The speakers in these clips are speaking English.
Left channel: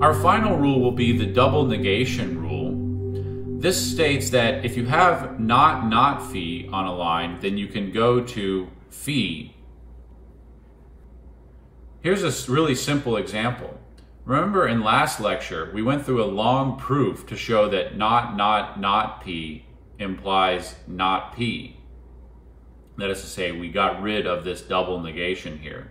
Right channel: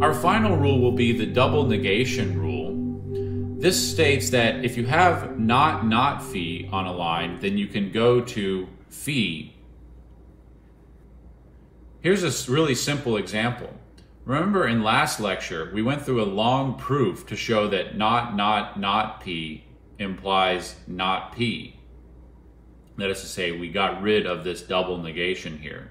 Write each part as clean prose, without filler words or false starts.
Our final rule will be the double negation rule. This states that if you have not phi on a line, then you can go to phi. Here's a really simple example. Remember in last lecture, we went through a long proof to show that not p implies not p. That is to say, we got rid of this double negation here.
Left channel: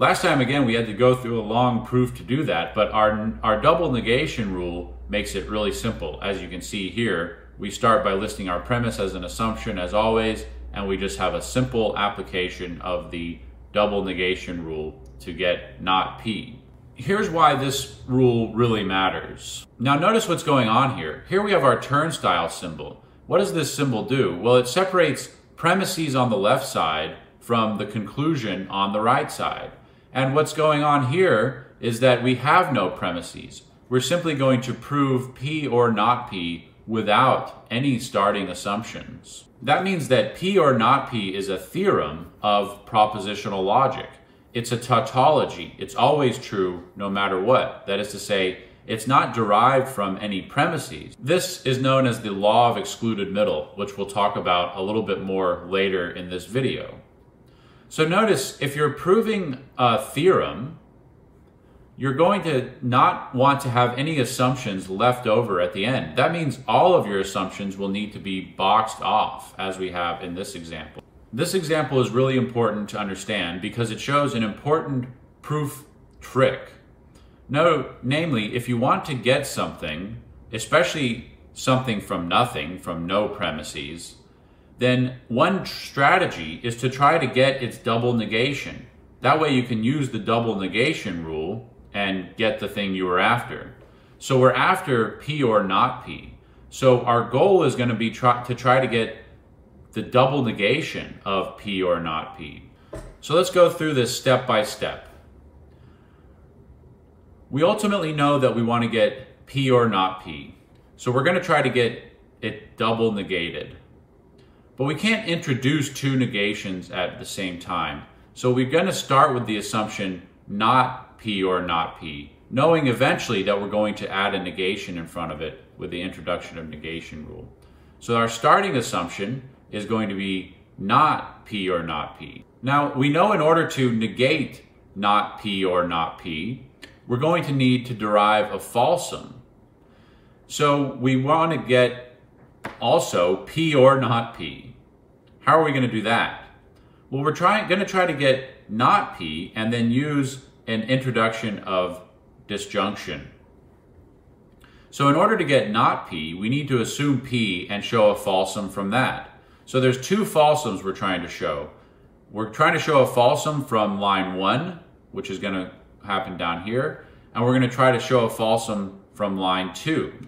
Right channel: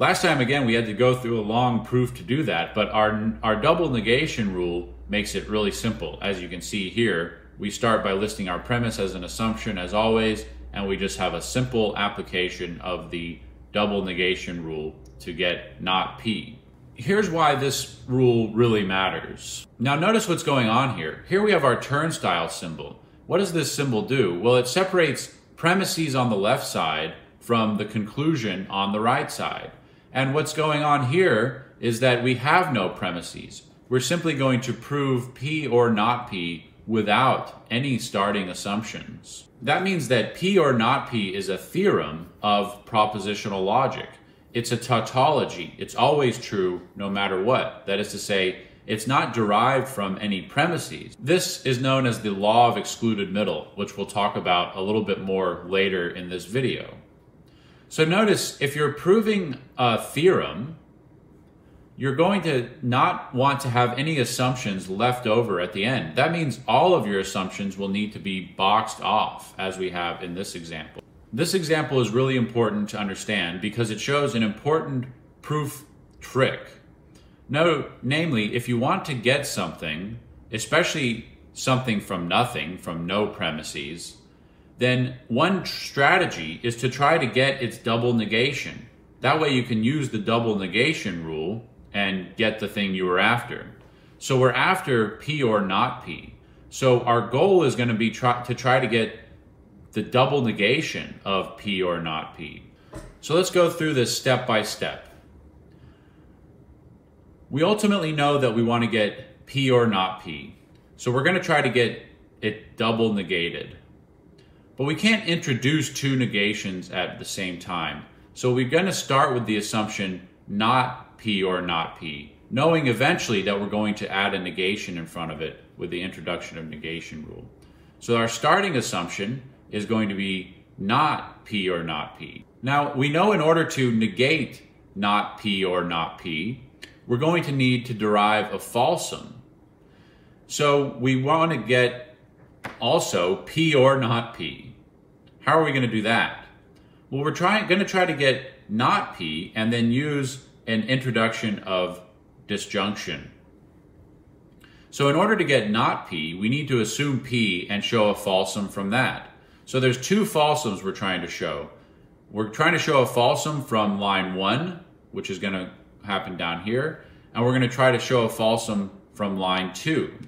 Last time, again, we had to go through a long proof to do that, but our double negation rule makes it really simple. As you can see here, we start by listing our premise as an assumption as always, and we just have a simple application of the double negation rule to get not p. Here's why this rule really matters. Now notice what's going on here. Here we have our turnstile symbol. What does this symbol do? Well, it separates premises on the left side from the conclusion on the right side. And what's going on here is that we have no premises. We're simply going to prove p or not p without any starting assumptions. That means that p or not p is a theorem of propositional logic. It's a tautology. It's always true no matter what. That is to say, it's not derived from any premises. This is known as the law of excluded middle, which we'll talk about a little bit more later in this video. So notice, if you're proving a theorem, you're going to not want to have any assumptions left over at the end. That means all of your assumptions will need to be boxed off, as we have in this example. This example is really important to understand because it shows an important proof trick. Namely, if you want to get something, especially something from nothing, from no premises, then one strategy is to try to get its double negation. That way you can use the double negation rule and get the thing you were after. So we're after p or not p. So our goal is going to be to try to get the double negation of p or not p. So let's go through this step by step. We ultimately know that we want to get p or not p. So we're going to try to get it double negated. But we can't introduce two negations at the same time. So we're going to start with the assumption not p or not p, knowing eventually that we're going to add a negation in front of it with the introduction of negation rule. So our starting assumption is going to be not p or not p. Now we know in order to negate not p or not p, we're going to need to derive a falsum. So we want to get also p or not p. How are we going to do that? Well, we're going to try to get not p and then use an introduction of disjunction. So in order to get not p, we need to assume p and show a falsum from that. So there's two falsums we're trying to show. We're trying to show a falsum from line 1, which is going to happen down here, and we're going to try to show a falsum from line 2.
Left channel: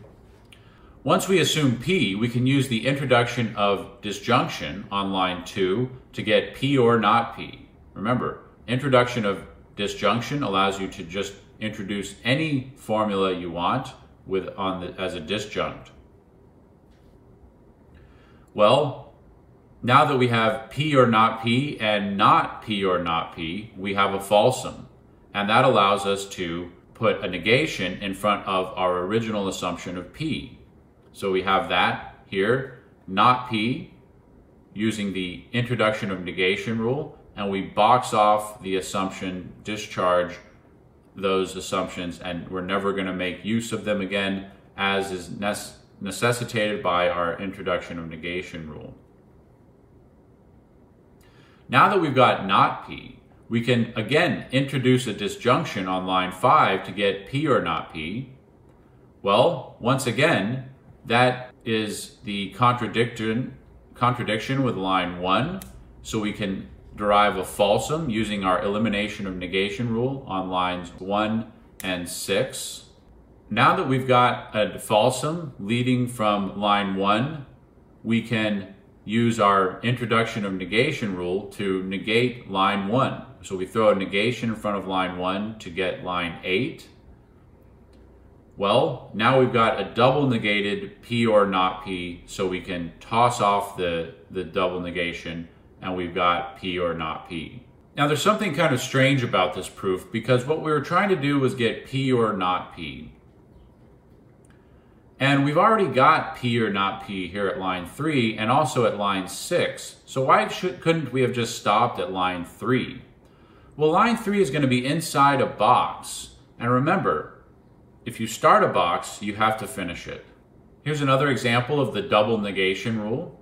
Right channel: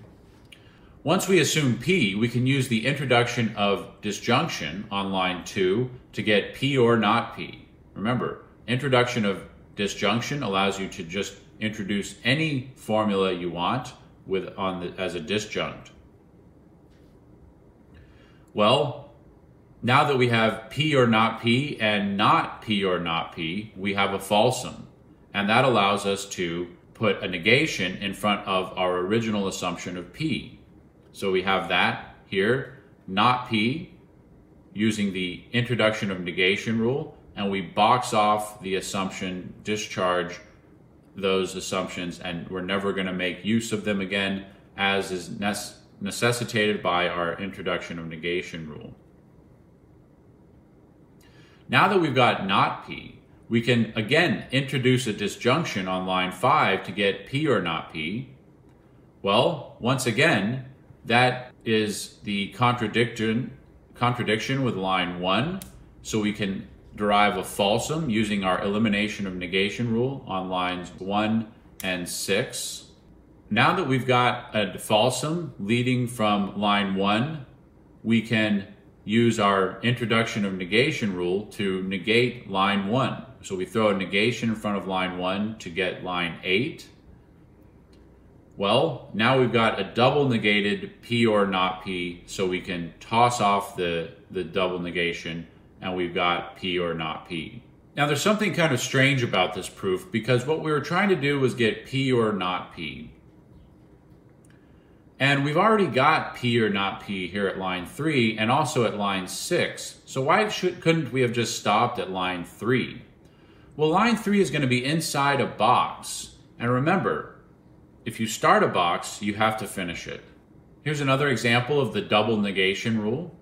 Once we assume p, we can use the introduction of disjunction on line 2 to get p or not p. Remember, introduction of disjunction allows you to just introduce any formula you want as a disjunct. Well, now that we have p or not p and not p or not p, we have a falsum. And that allows us to put a negation in front of our original assumption of p. So we have that here, not p, using the introduction of negation rule, and we box off the assumption, discharge those assumptions, and we're never going to make use of them again, as is necessitated by our introduction of negation rule. Now that we've got not p, we can again introduce a disjunction on line 5 to get p or not p. Well, once again, that is the contradiction with line 1, so we can derive a falsum using our elimination of negation rule on lines 1 and 6. Now that we've got a falsum leading from line 1, we can use our introduction of negation rule to negate line 1. So we throw a negation in front of line 1 to get line 8. Well, now we've got a double negated p or not p, so we can toss off the double negation, and we've got p or not p. Now there's something kind of strange about this proof, because what we were trying to do was get P or not P. And we've already got P or not P here at line 3 and also at line 6. So why couldn't we have just stopped at line 3? Well, line 3 is going to be inside a box. And remember, if you start a box, you have to finish it. Here's another example of the double negation rule.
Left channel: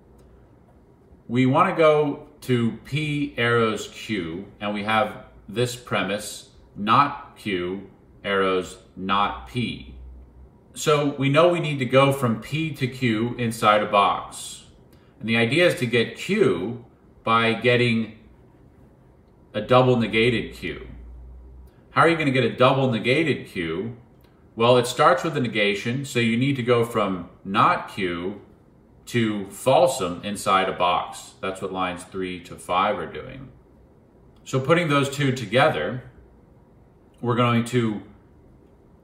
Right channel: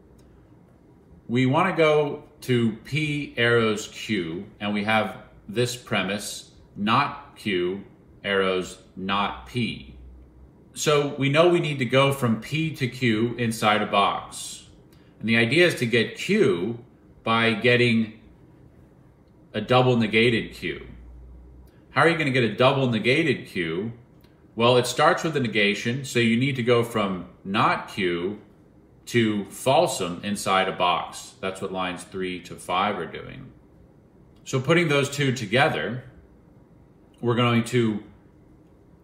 We want to go to P arrows Q, and we have this premise, not Q, arrows not P. So we know we need to go from P to Q inside a box. And the idea is to get Q by getting a double negated Q. How are you going to get a double negated Q? Well, it starts with a negation, so you need to go from not Q to falsum inside a box. That's what lines 3 to 5 are doing. So putting those two together, we're going to,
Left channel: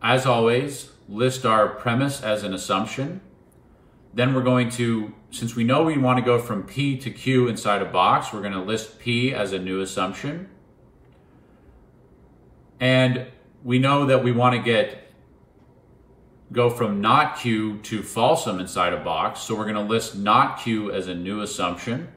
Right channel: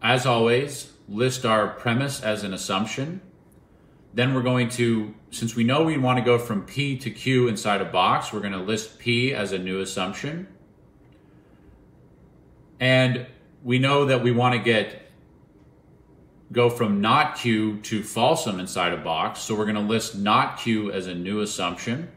as always, list our premise as an assumption. Then we're going to, since we know we want to go from P to Q inside a box, we're going to list P as a new assumption. And we know that we want to go from not Q to falsum inside a box, so we're going to list not Q as a new assumption.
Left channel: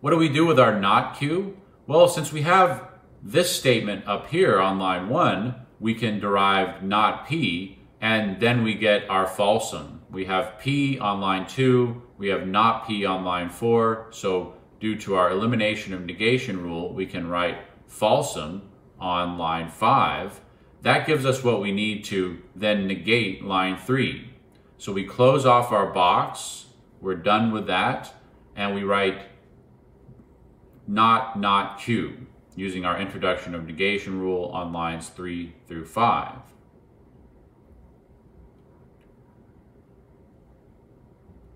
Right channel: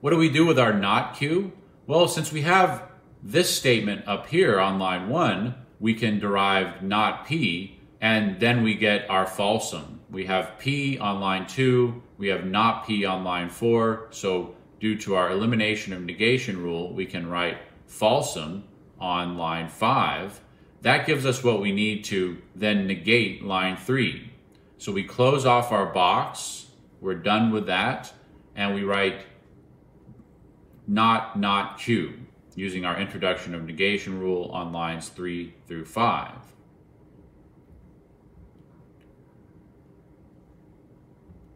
What do we do with our not Q? Well, since we have this statement up here on line 1, we can derive not P, and then we get our falsum. We have P on line 2, we have not P on line 4, so due to our elimination of negation rule, we can write falsum on line 5. That gives us what we need to then negate line 3. So we close off our box, we're done with that, and we write not Q, using our introduction of negation rule on lines 3 through 5.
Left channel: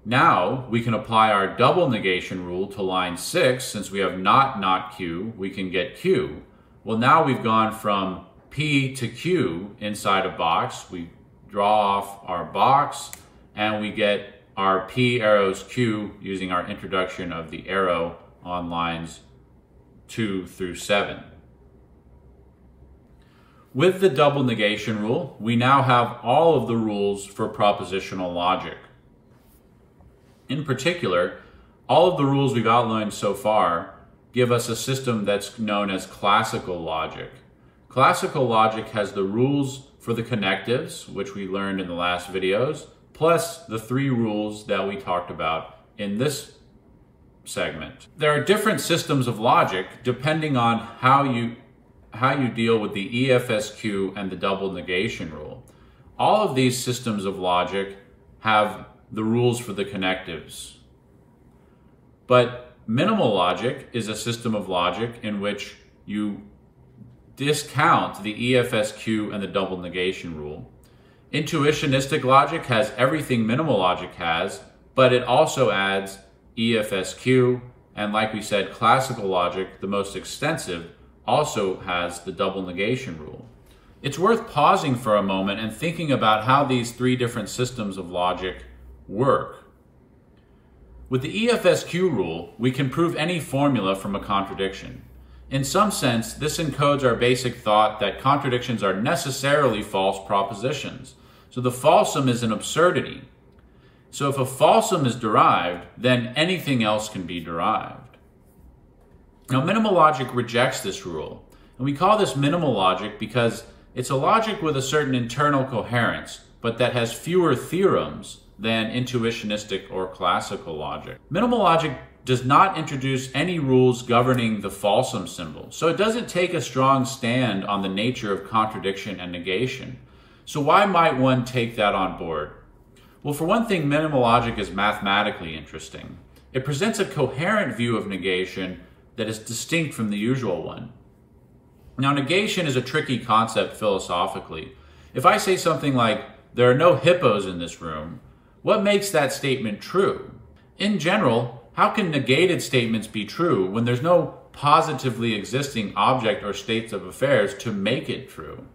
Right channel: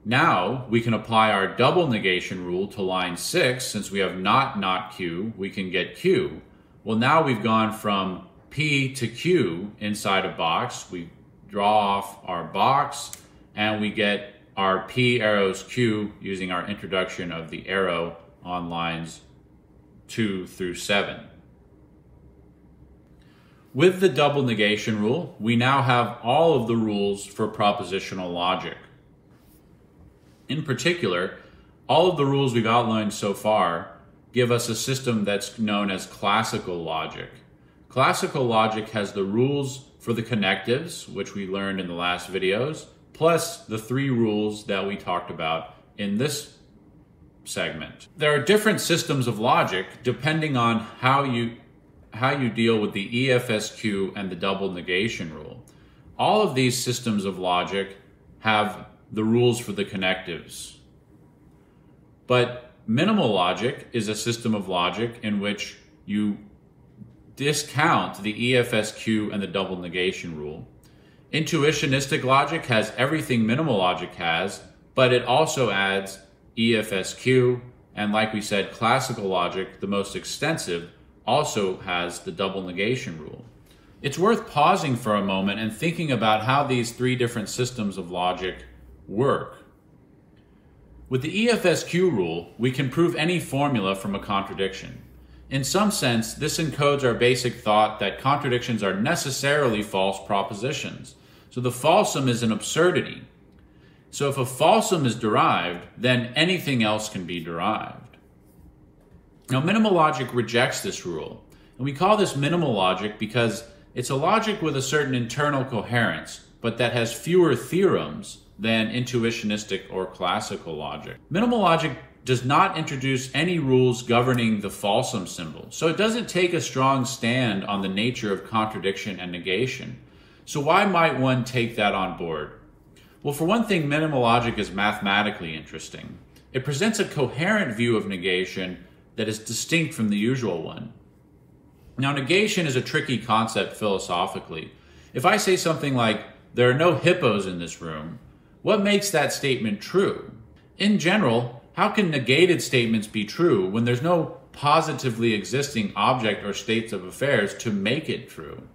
Now we can apply our double negation rule to line 6. Since we have not Q, we can get Q. Well, now we've gone from P to Q inside a box. We draw off our box and we get our P arrows Q using our introduction of the arrow on lines 2 through 7. With the double negation rule, we now have all of the rules for propositional logic. In particular, all of the rules we've outlined so far give us a system that's known as classical logic. Classical logic has the rules for the connectives, which we learned in the last videos, plus the 3 rules that we talked about in this segment. There are different systems of logic depending on how you deal with the EFSQ and the double negation rule. All of these systems of logic have the rules for the connectives. But minimal logic is a system of logic in which you discount the EFSQ and the double negation rule. Intuitionistic logic has everything minimal logic has, but it also adds EFSQ, and like we said, classical logic, the most extensive, also has the double negation rule. It's worth pausing for a moment and thinking about how these 3 different systems of logic work. With the EFSQ rule, we can prove any formula from a contradiction. In some sense, this encodes our basic thought that contradictions are necessarily false propositions. So the falsum is an absurdity. So if a falsum is derived, then anything else can be derived. Now, minimal logic rejects this rule. And we call this minimal logic because it's a logic with a certain internal coherence, but that has fewer theorems than intuitionistic or classical logic. Minimal logic does not introduce any rules governing the falsum symbol, so it doesn't take a strong stand on the nature of contradiction and negation. So why might one take that on board? Well, for one thing, minimal logic is mathematically interesting. It presents a coherent view of negation that is distinct from the usual one. Now, negation is a tricky concept philosophically. If I say something like, "There are no hippos in this room," what makes that statement true? In general, how can negated statements be true when there's no positively existing object or states of affairs to make it true?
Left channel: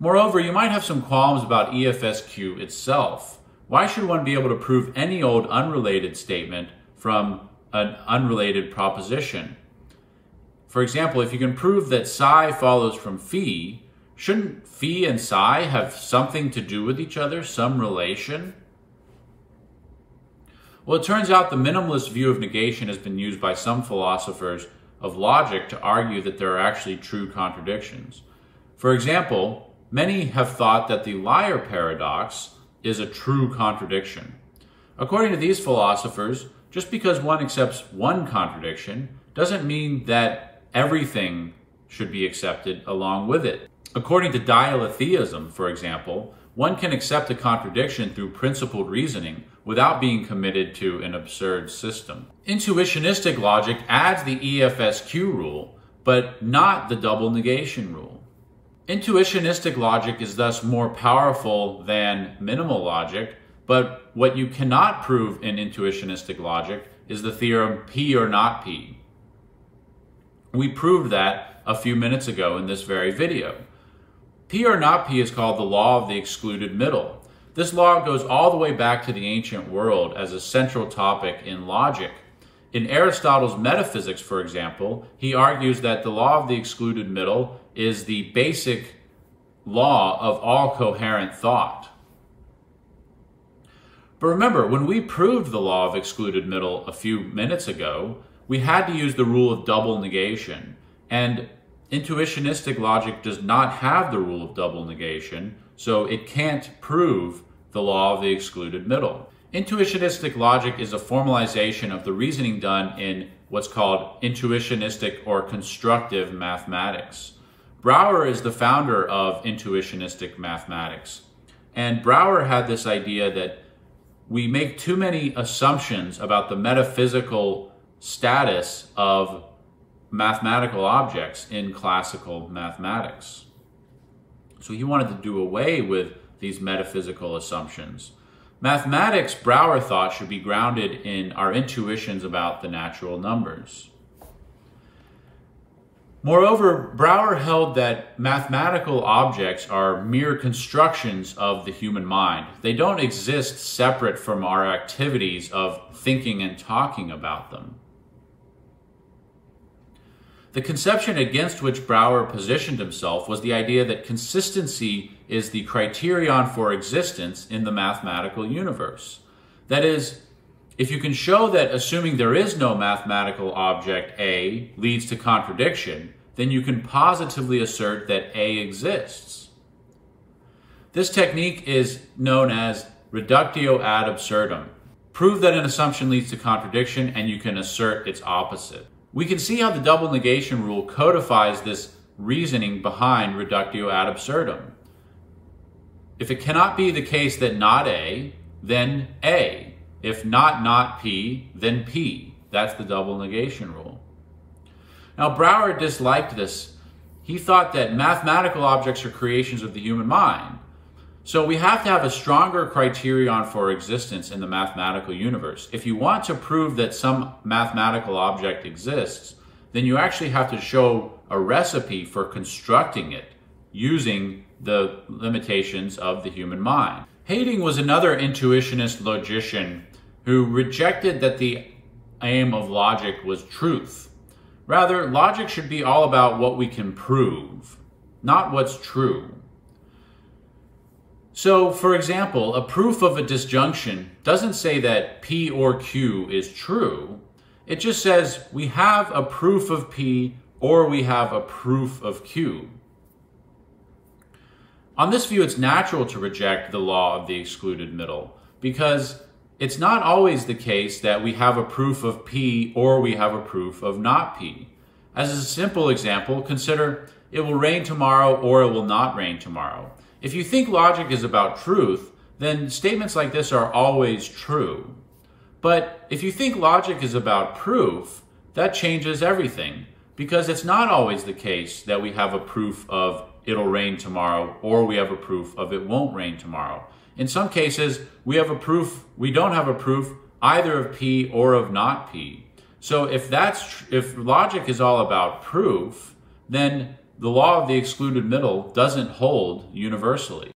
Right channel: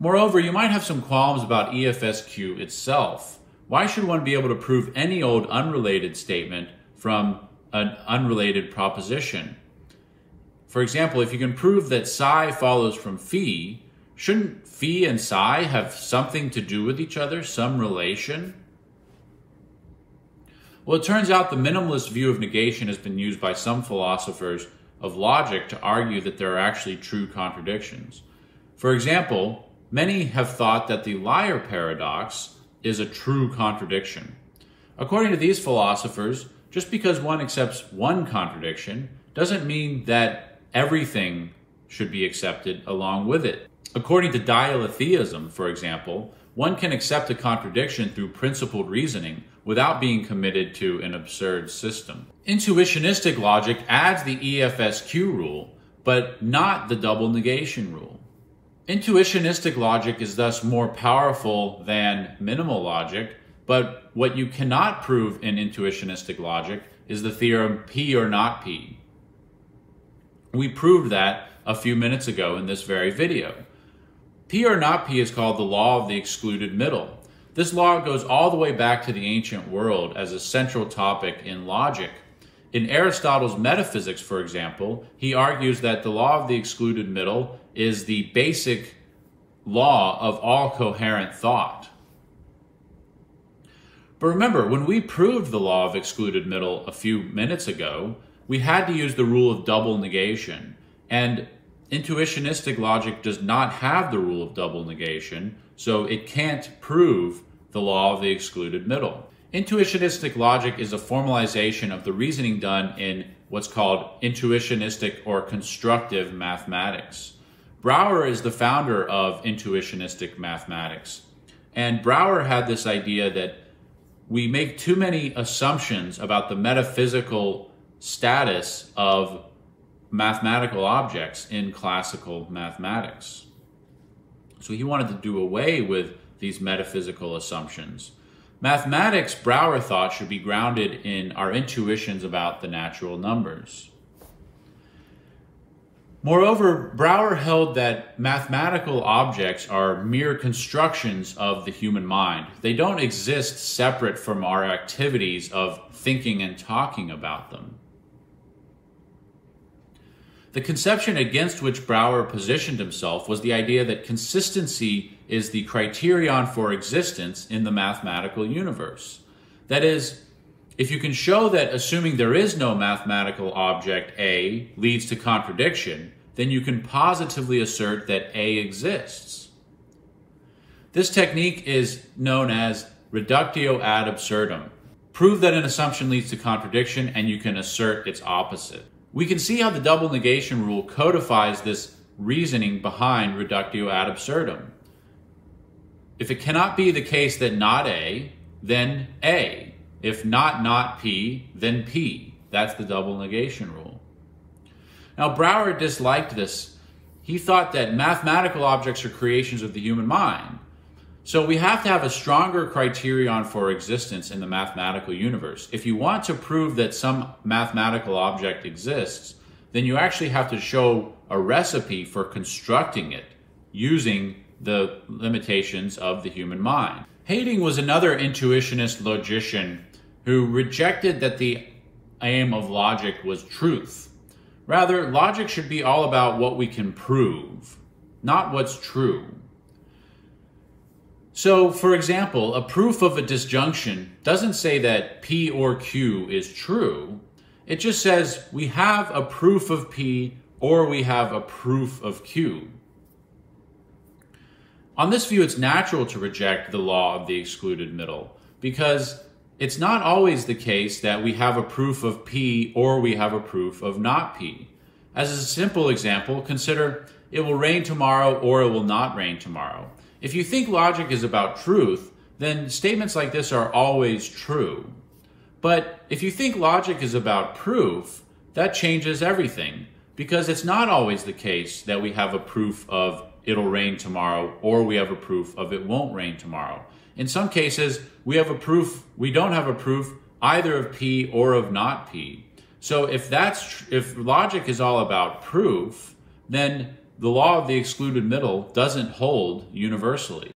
Moreover, you might have some qualms about EFSQ itself. Why should one be able to prove any old unrelated statement from an unrelated proposition. For example, if you can prove that psi follows from phi, shouldn't phi and psi have something to do with each other, some relation? Well, it turns out the minimalist view of negation has been used by some philosophers of logic to argue that there are actually true contradictions. For example, many have thought that the liar paradox is a true contradiction. According to these philosophers, just because one accepts one contradiction doesn't mean that everything should be accepted along with it. According to dialetheism, for example, one can accept a contradiction through principled reasoning without being committed to an absurd system. Intuitionistic logic adds the EFSQ rule, but not the double negation rule. Intuitionistic logic is thus more powerful than minimal logic, but what you cannot prove in intuitionistic logic is the theorem P or not P. We proved that a few minutes ago in this very video. P or not P is called the law of the excluded middle. This law goes all the way back to the ancient world as a central topic in logic. In Aristotle's Metaphysics, for example, he argues that the law of the excluded middle is the basic law of all coherent thought. But remember, when we proved the law of excluded middle a few minutes ago, we had to use the rule of double negation. And intuitionistic logic does not have the rule of double negation, so it can't prove the law of the excluded middle. Intuitionistic logic is a formalization of the reasoning done in what's called intuitionistic or constructive mathematics. Brouwer is the founder of intuitionistic mathematics. And Brouwer had this idea that we make too many assumptions about the metaphysical status of mathematical objects in classical mathematics. So he wanted to do away with these metaphysical assumptions. Mathematics, Brouwer thought, should be grounded in our intuitions about the natural numbers. Moreover, Brouwer held that mathematical objects are mere constructions of the human mind. They don't exist separate from our activities of thinking and talking about them. The conception against which Brouwer positioned himself was the idea that consistency is the criterion for existence in the mathematical universe. That is, if you can show that assuming there is no mathematical object A leads to contradiction, then you can positively assert that A exists. This technique is known as reductio ad absurdum. Prove that an assumption leads to contradiction and you can assert its opposite. We can see how the double negation rule codifies this reasoning behind reductio ad absurdum. If it cannot be the case that not A, then A. If not P, then P. That's the double negation rule. Now, Brouwer disliked this. He thought that mathematical objects are creations of the human mind. So we have to have a stronger criterion for existence in the mathematical universe. If you want to prove that some mathematical object exists, then you actually have to show a recipe for constructing it using the limitations of the human mind. Heyting was another intuitionist logician who rejected that the aim of logic was truth. Rather, logic should be all about what we can prove, not what's true. So, for example, a proof of a disjunction doesn't say that P or Q is true. It just says we have a proof of P or we have a proof of Q. On this view, it's natural to reject the law of the excluded middle because it's not always the case that we have a proof of P or we have a proof of not P. As a simple example, consider it will rain tomorrow or it will not rain tomorrow. If you think logic is about truth, then statements like this are always true. But if you think logic is about proof, that changes everything because it's not always the case that we have a proof of it'll rain tomorrow or we have a proof of it won't rain tomorrow. In some cases, we don't have a proof either of P or of not P. So if logic is all about proof, then the law of the excluded middle doesn't hold universally.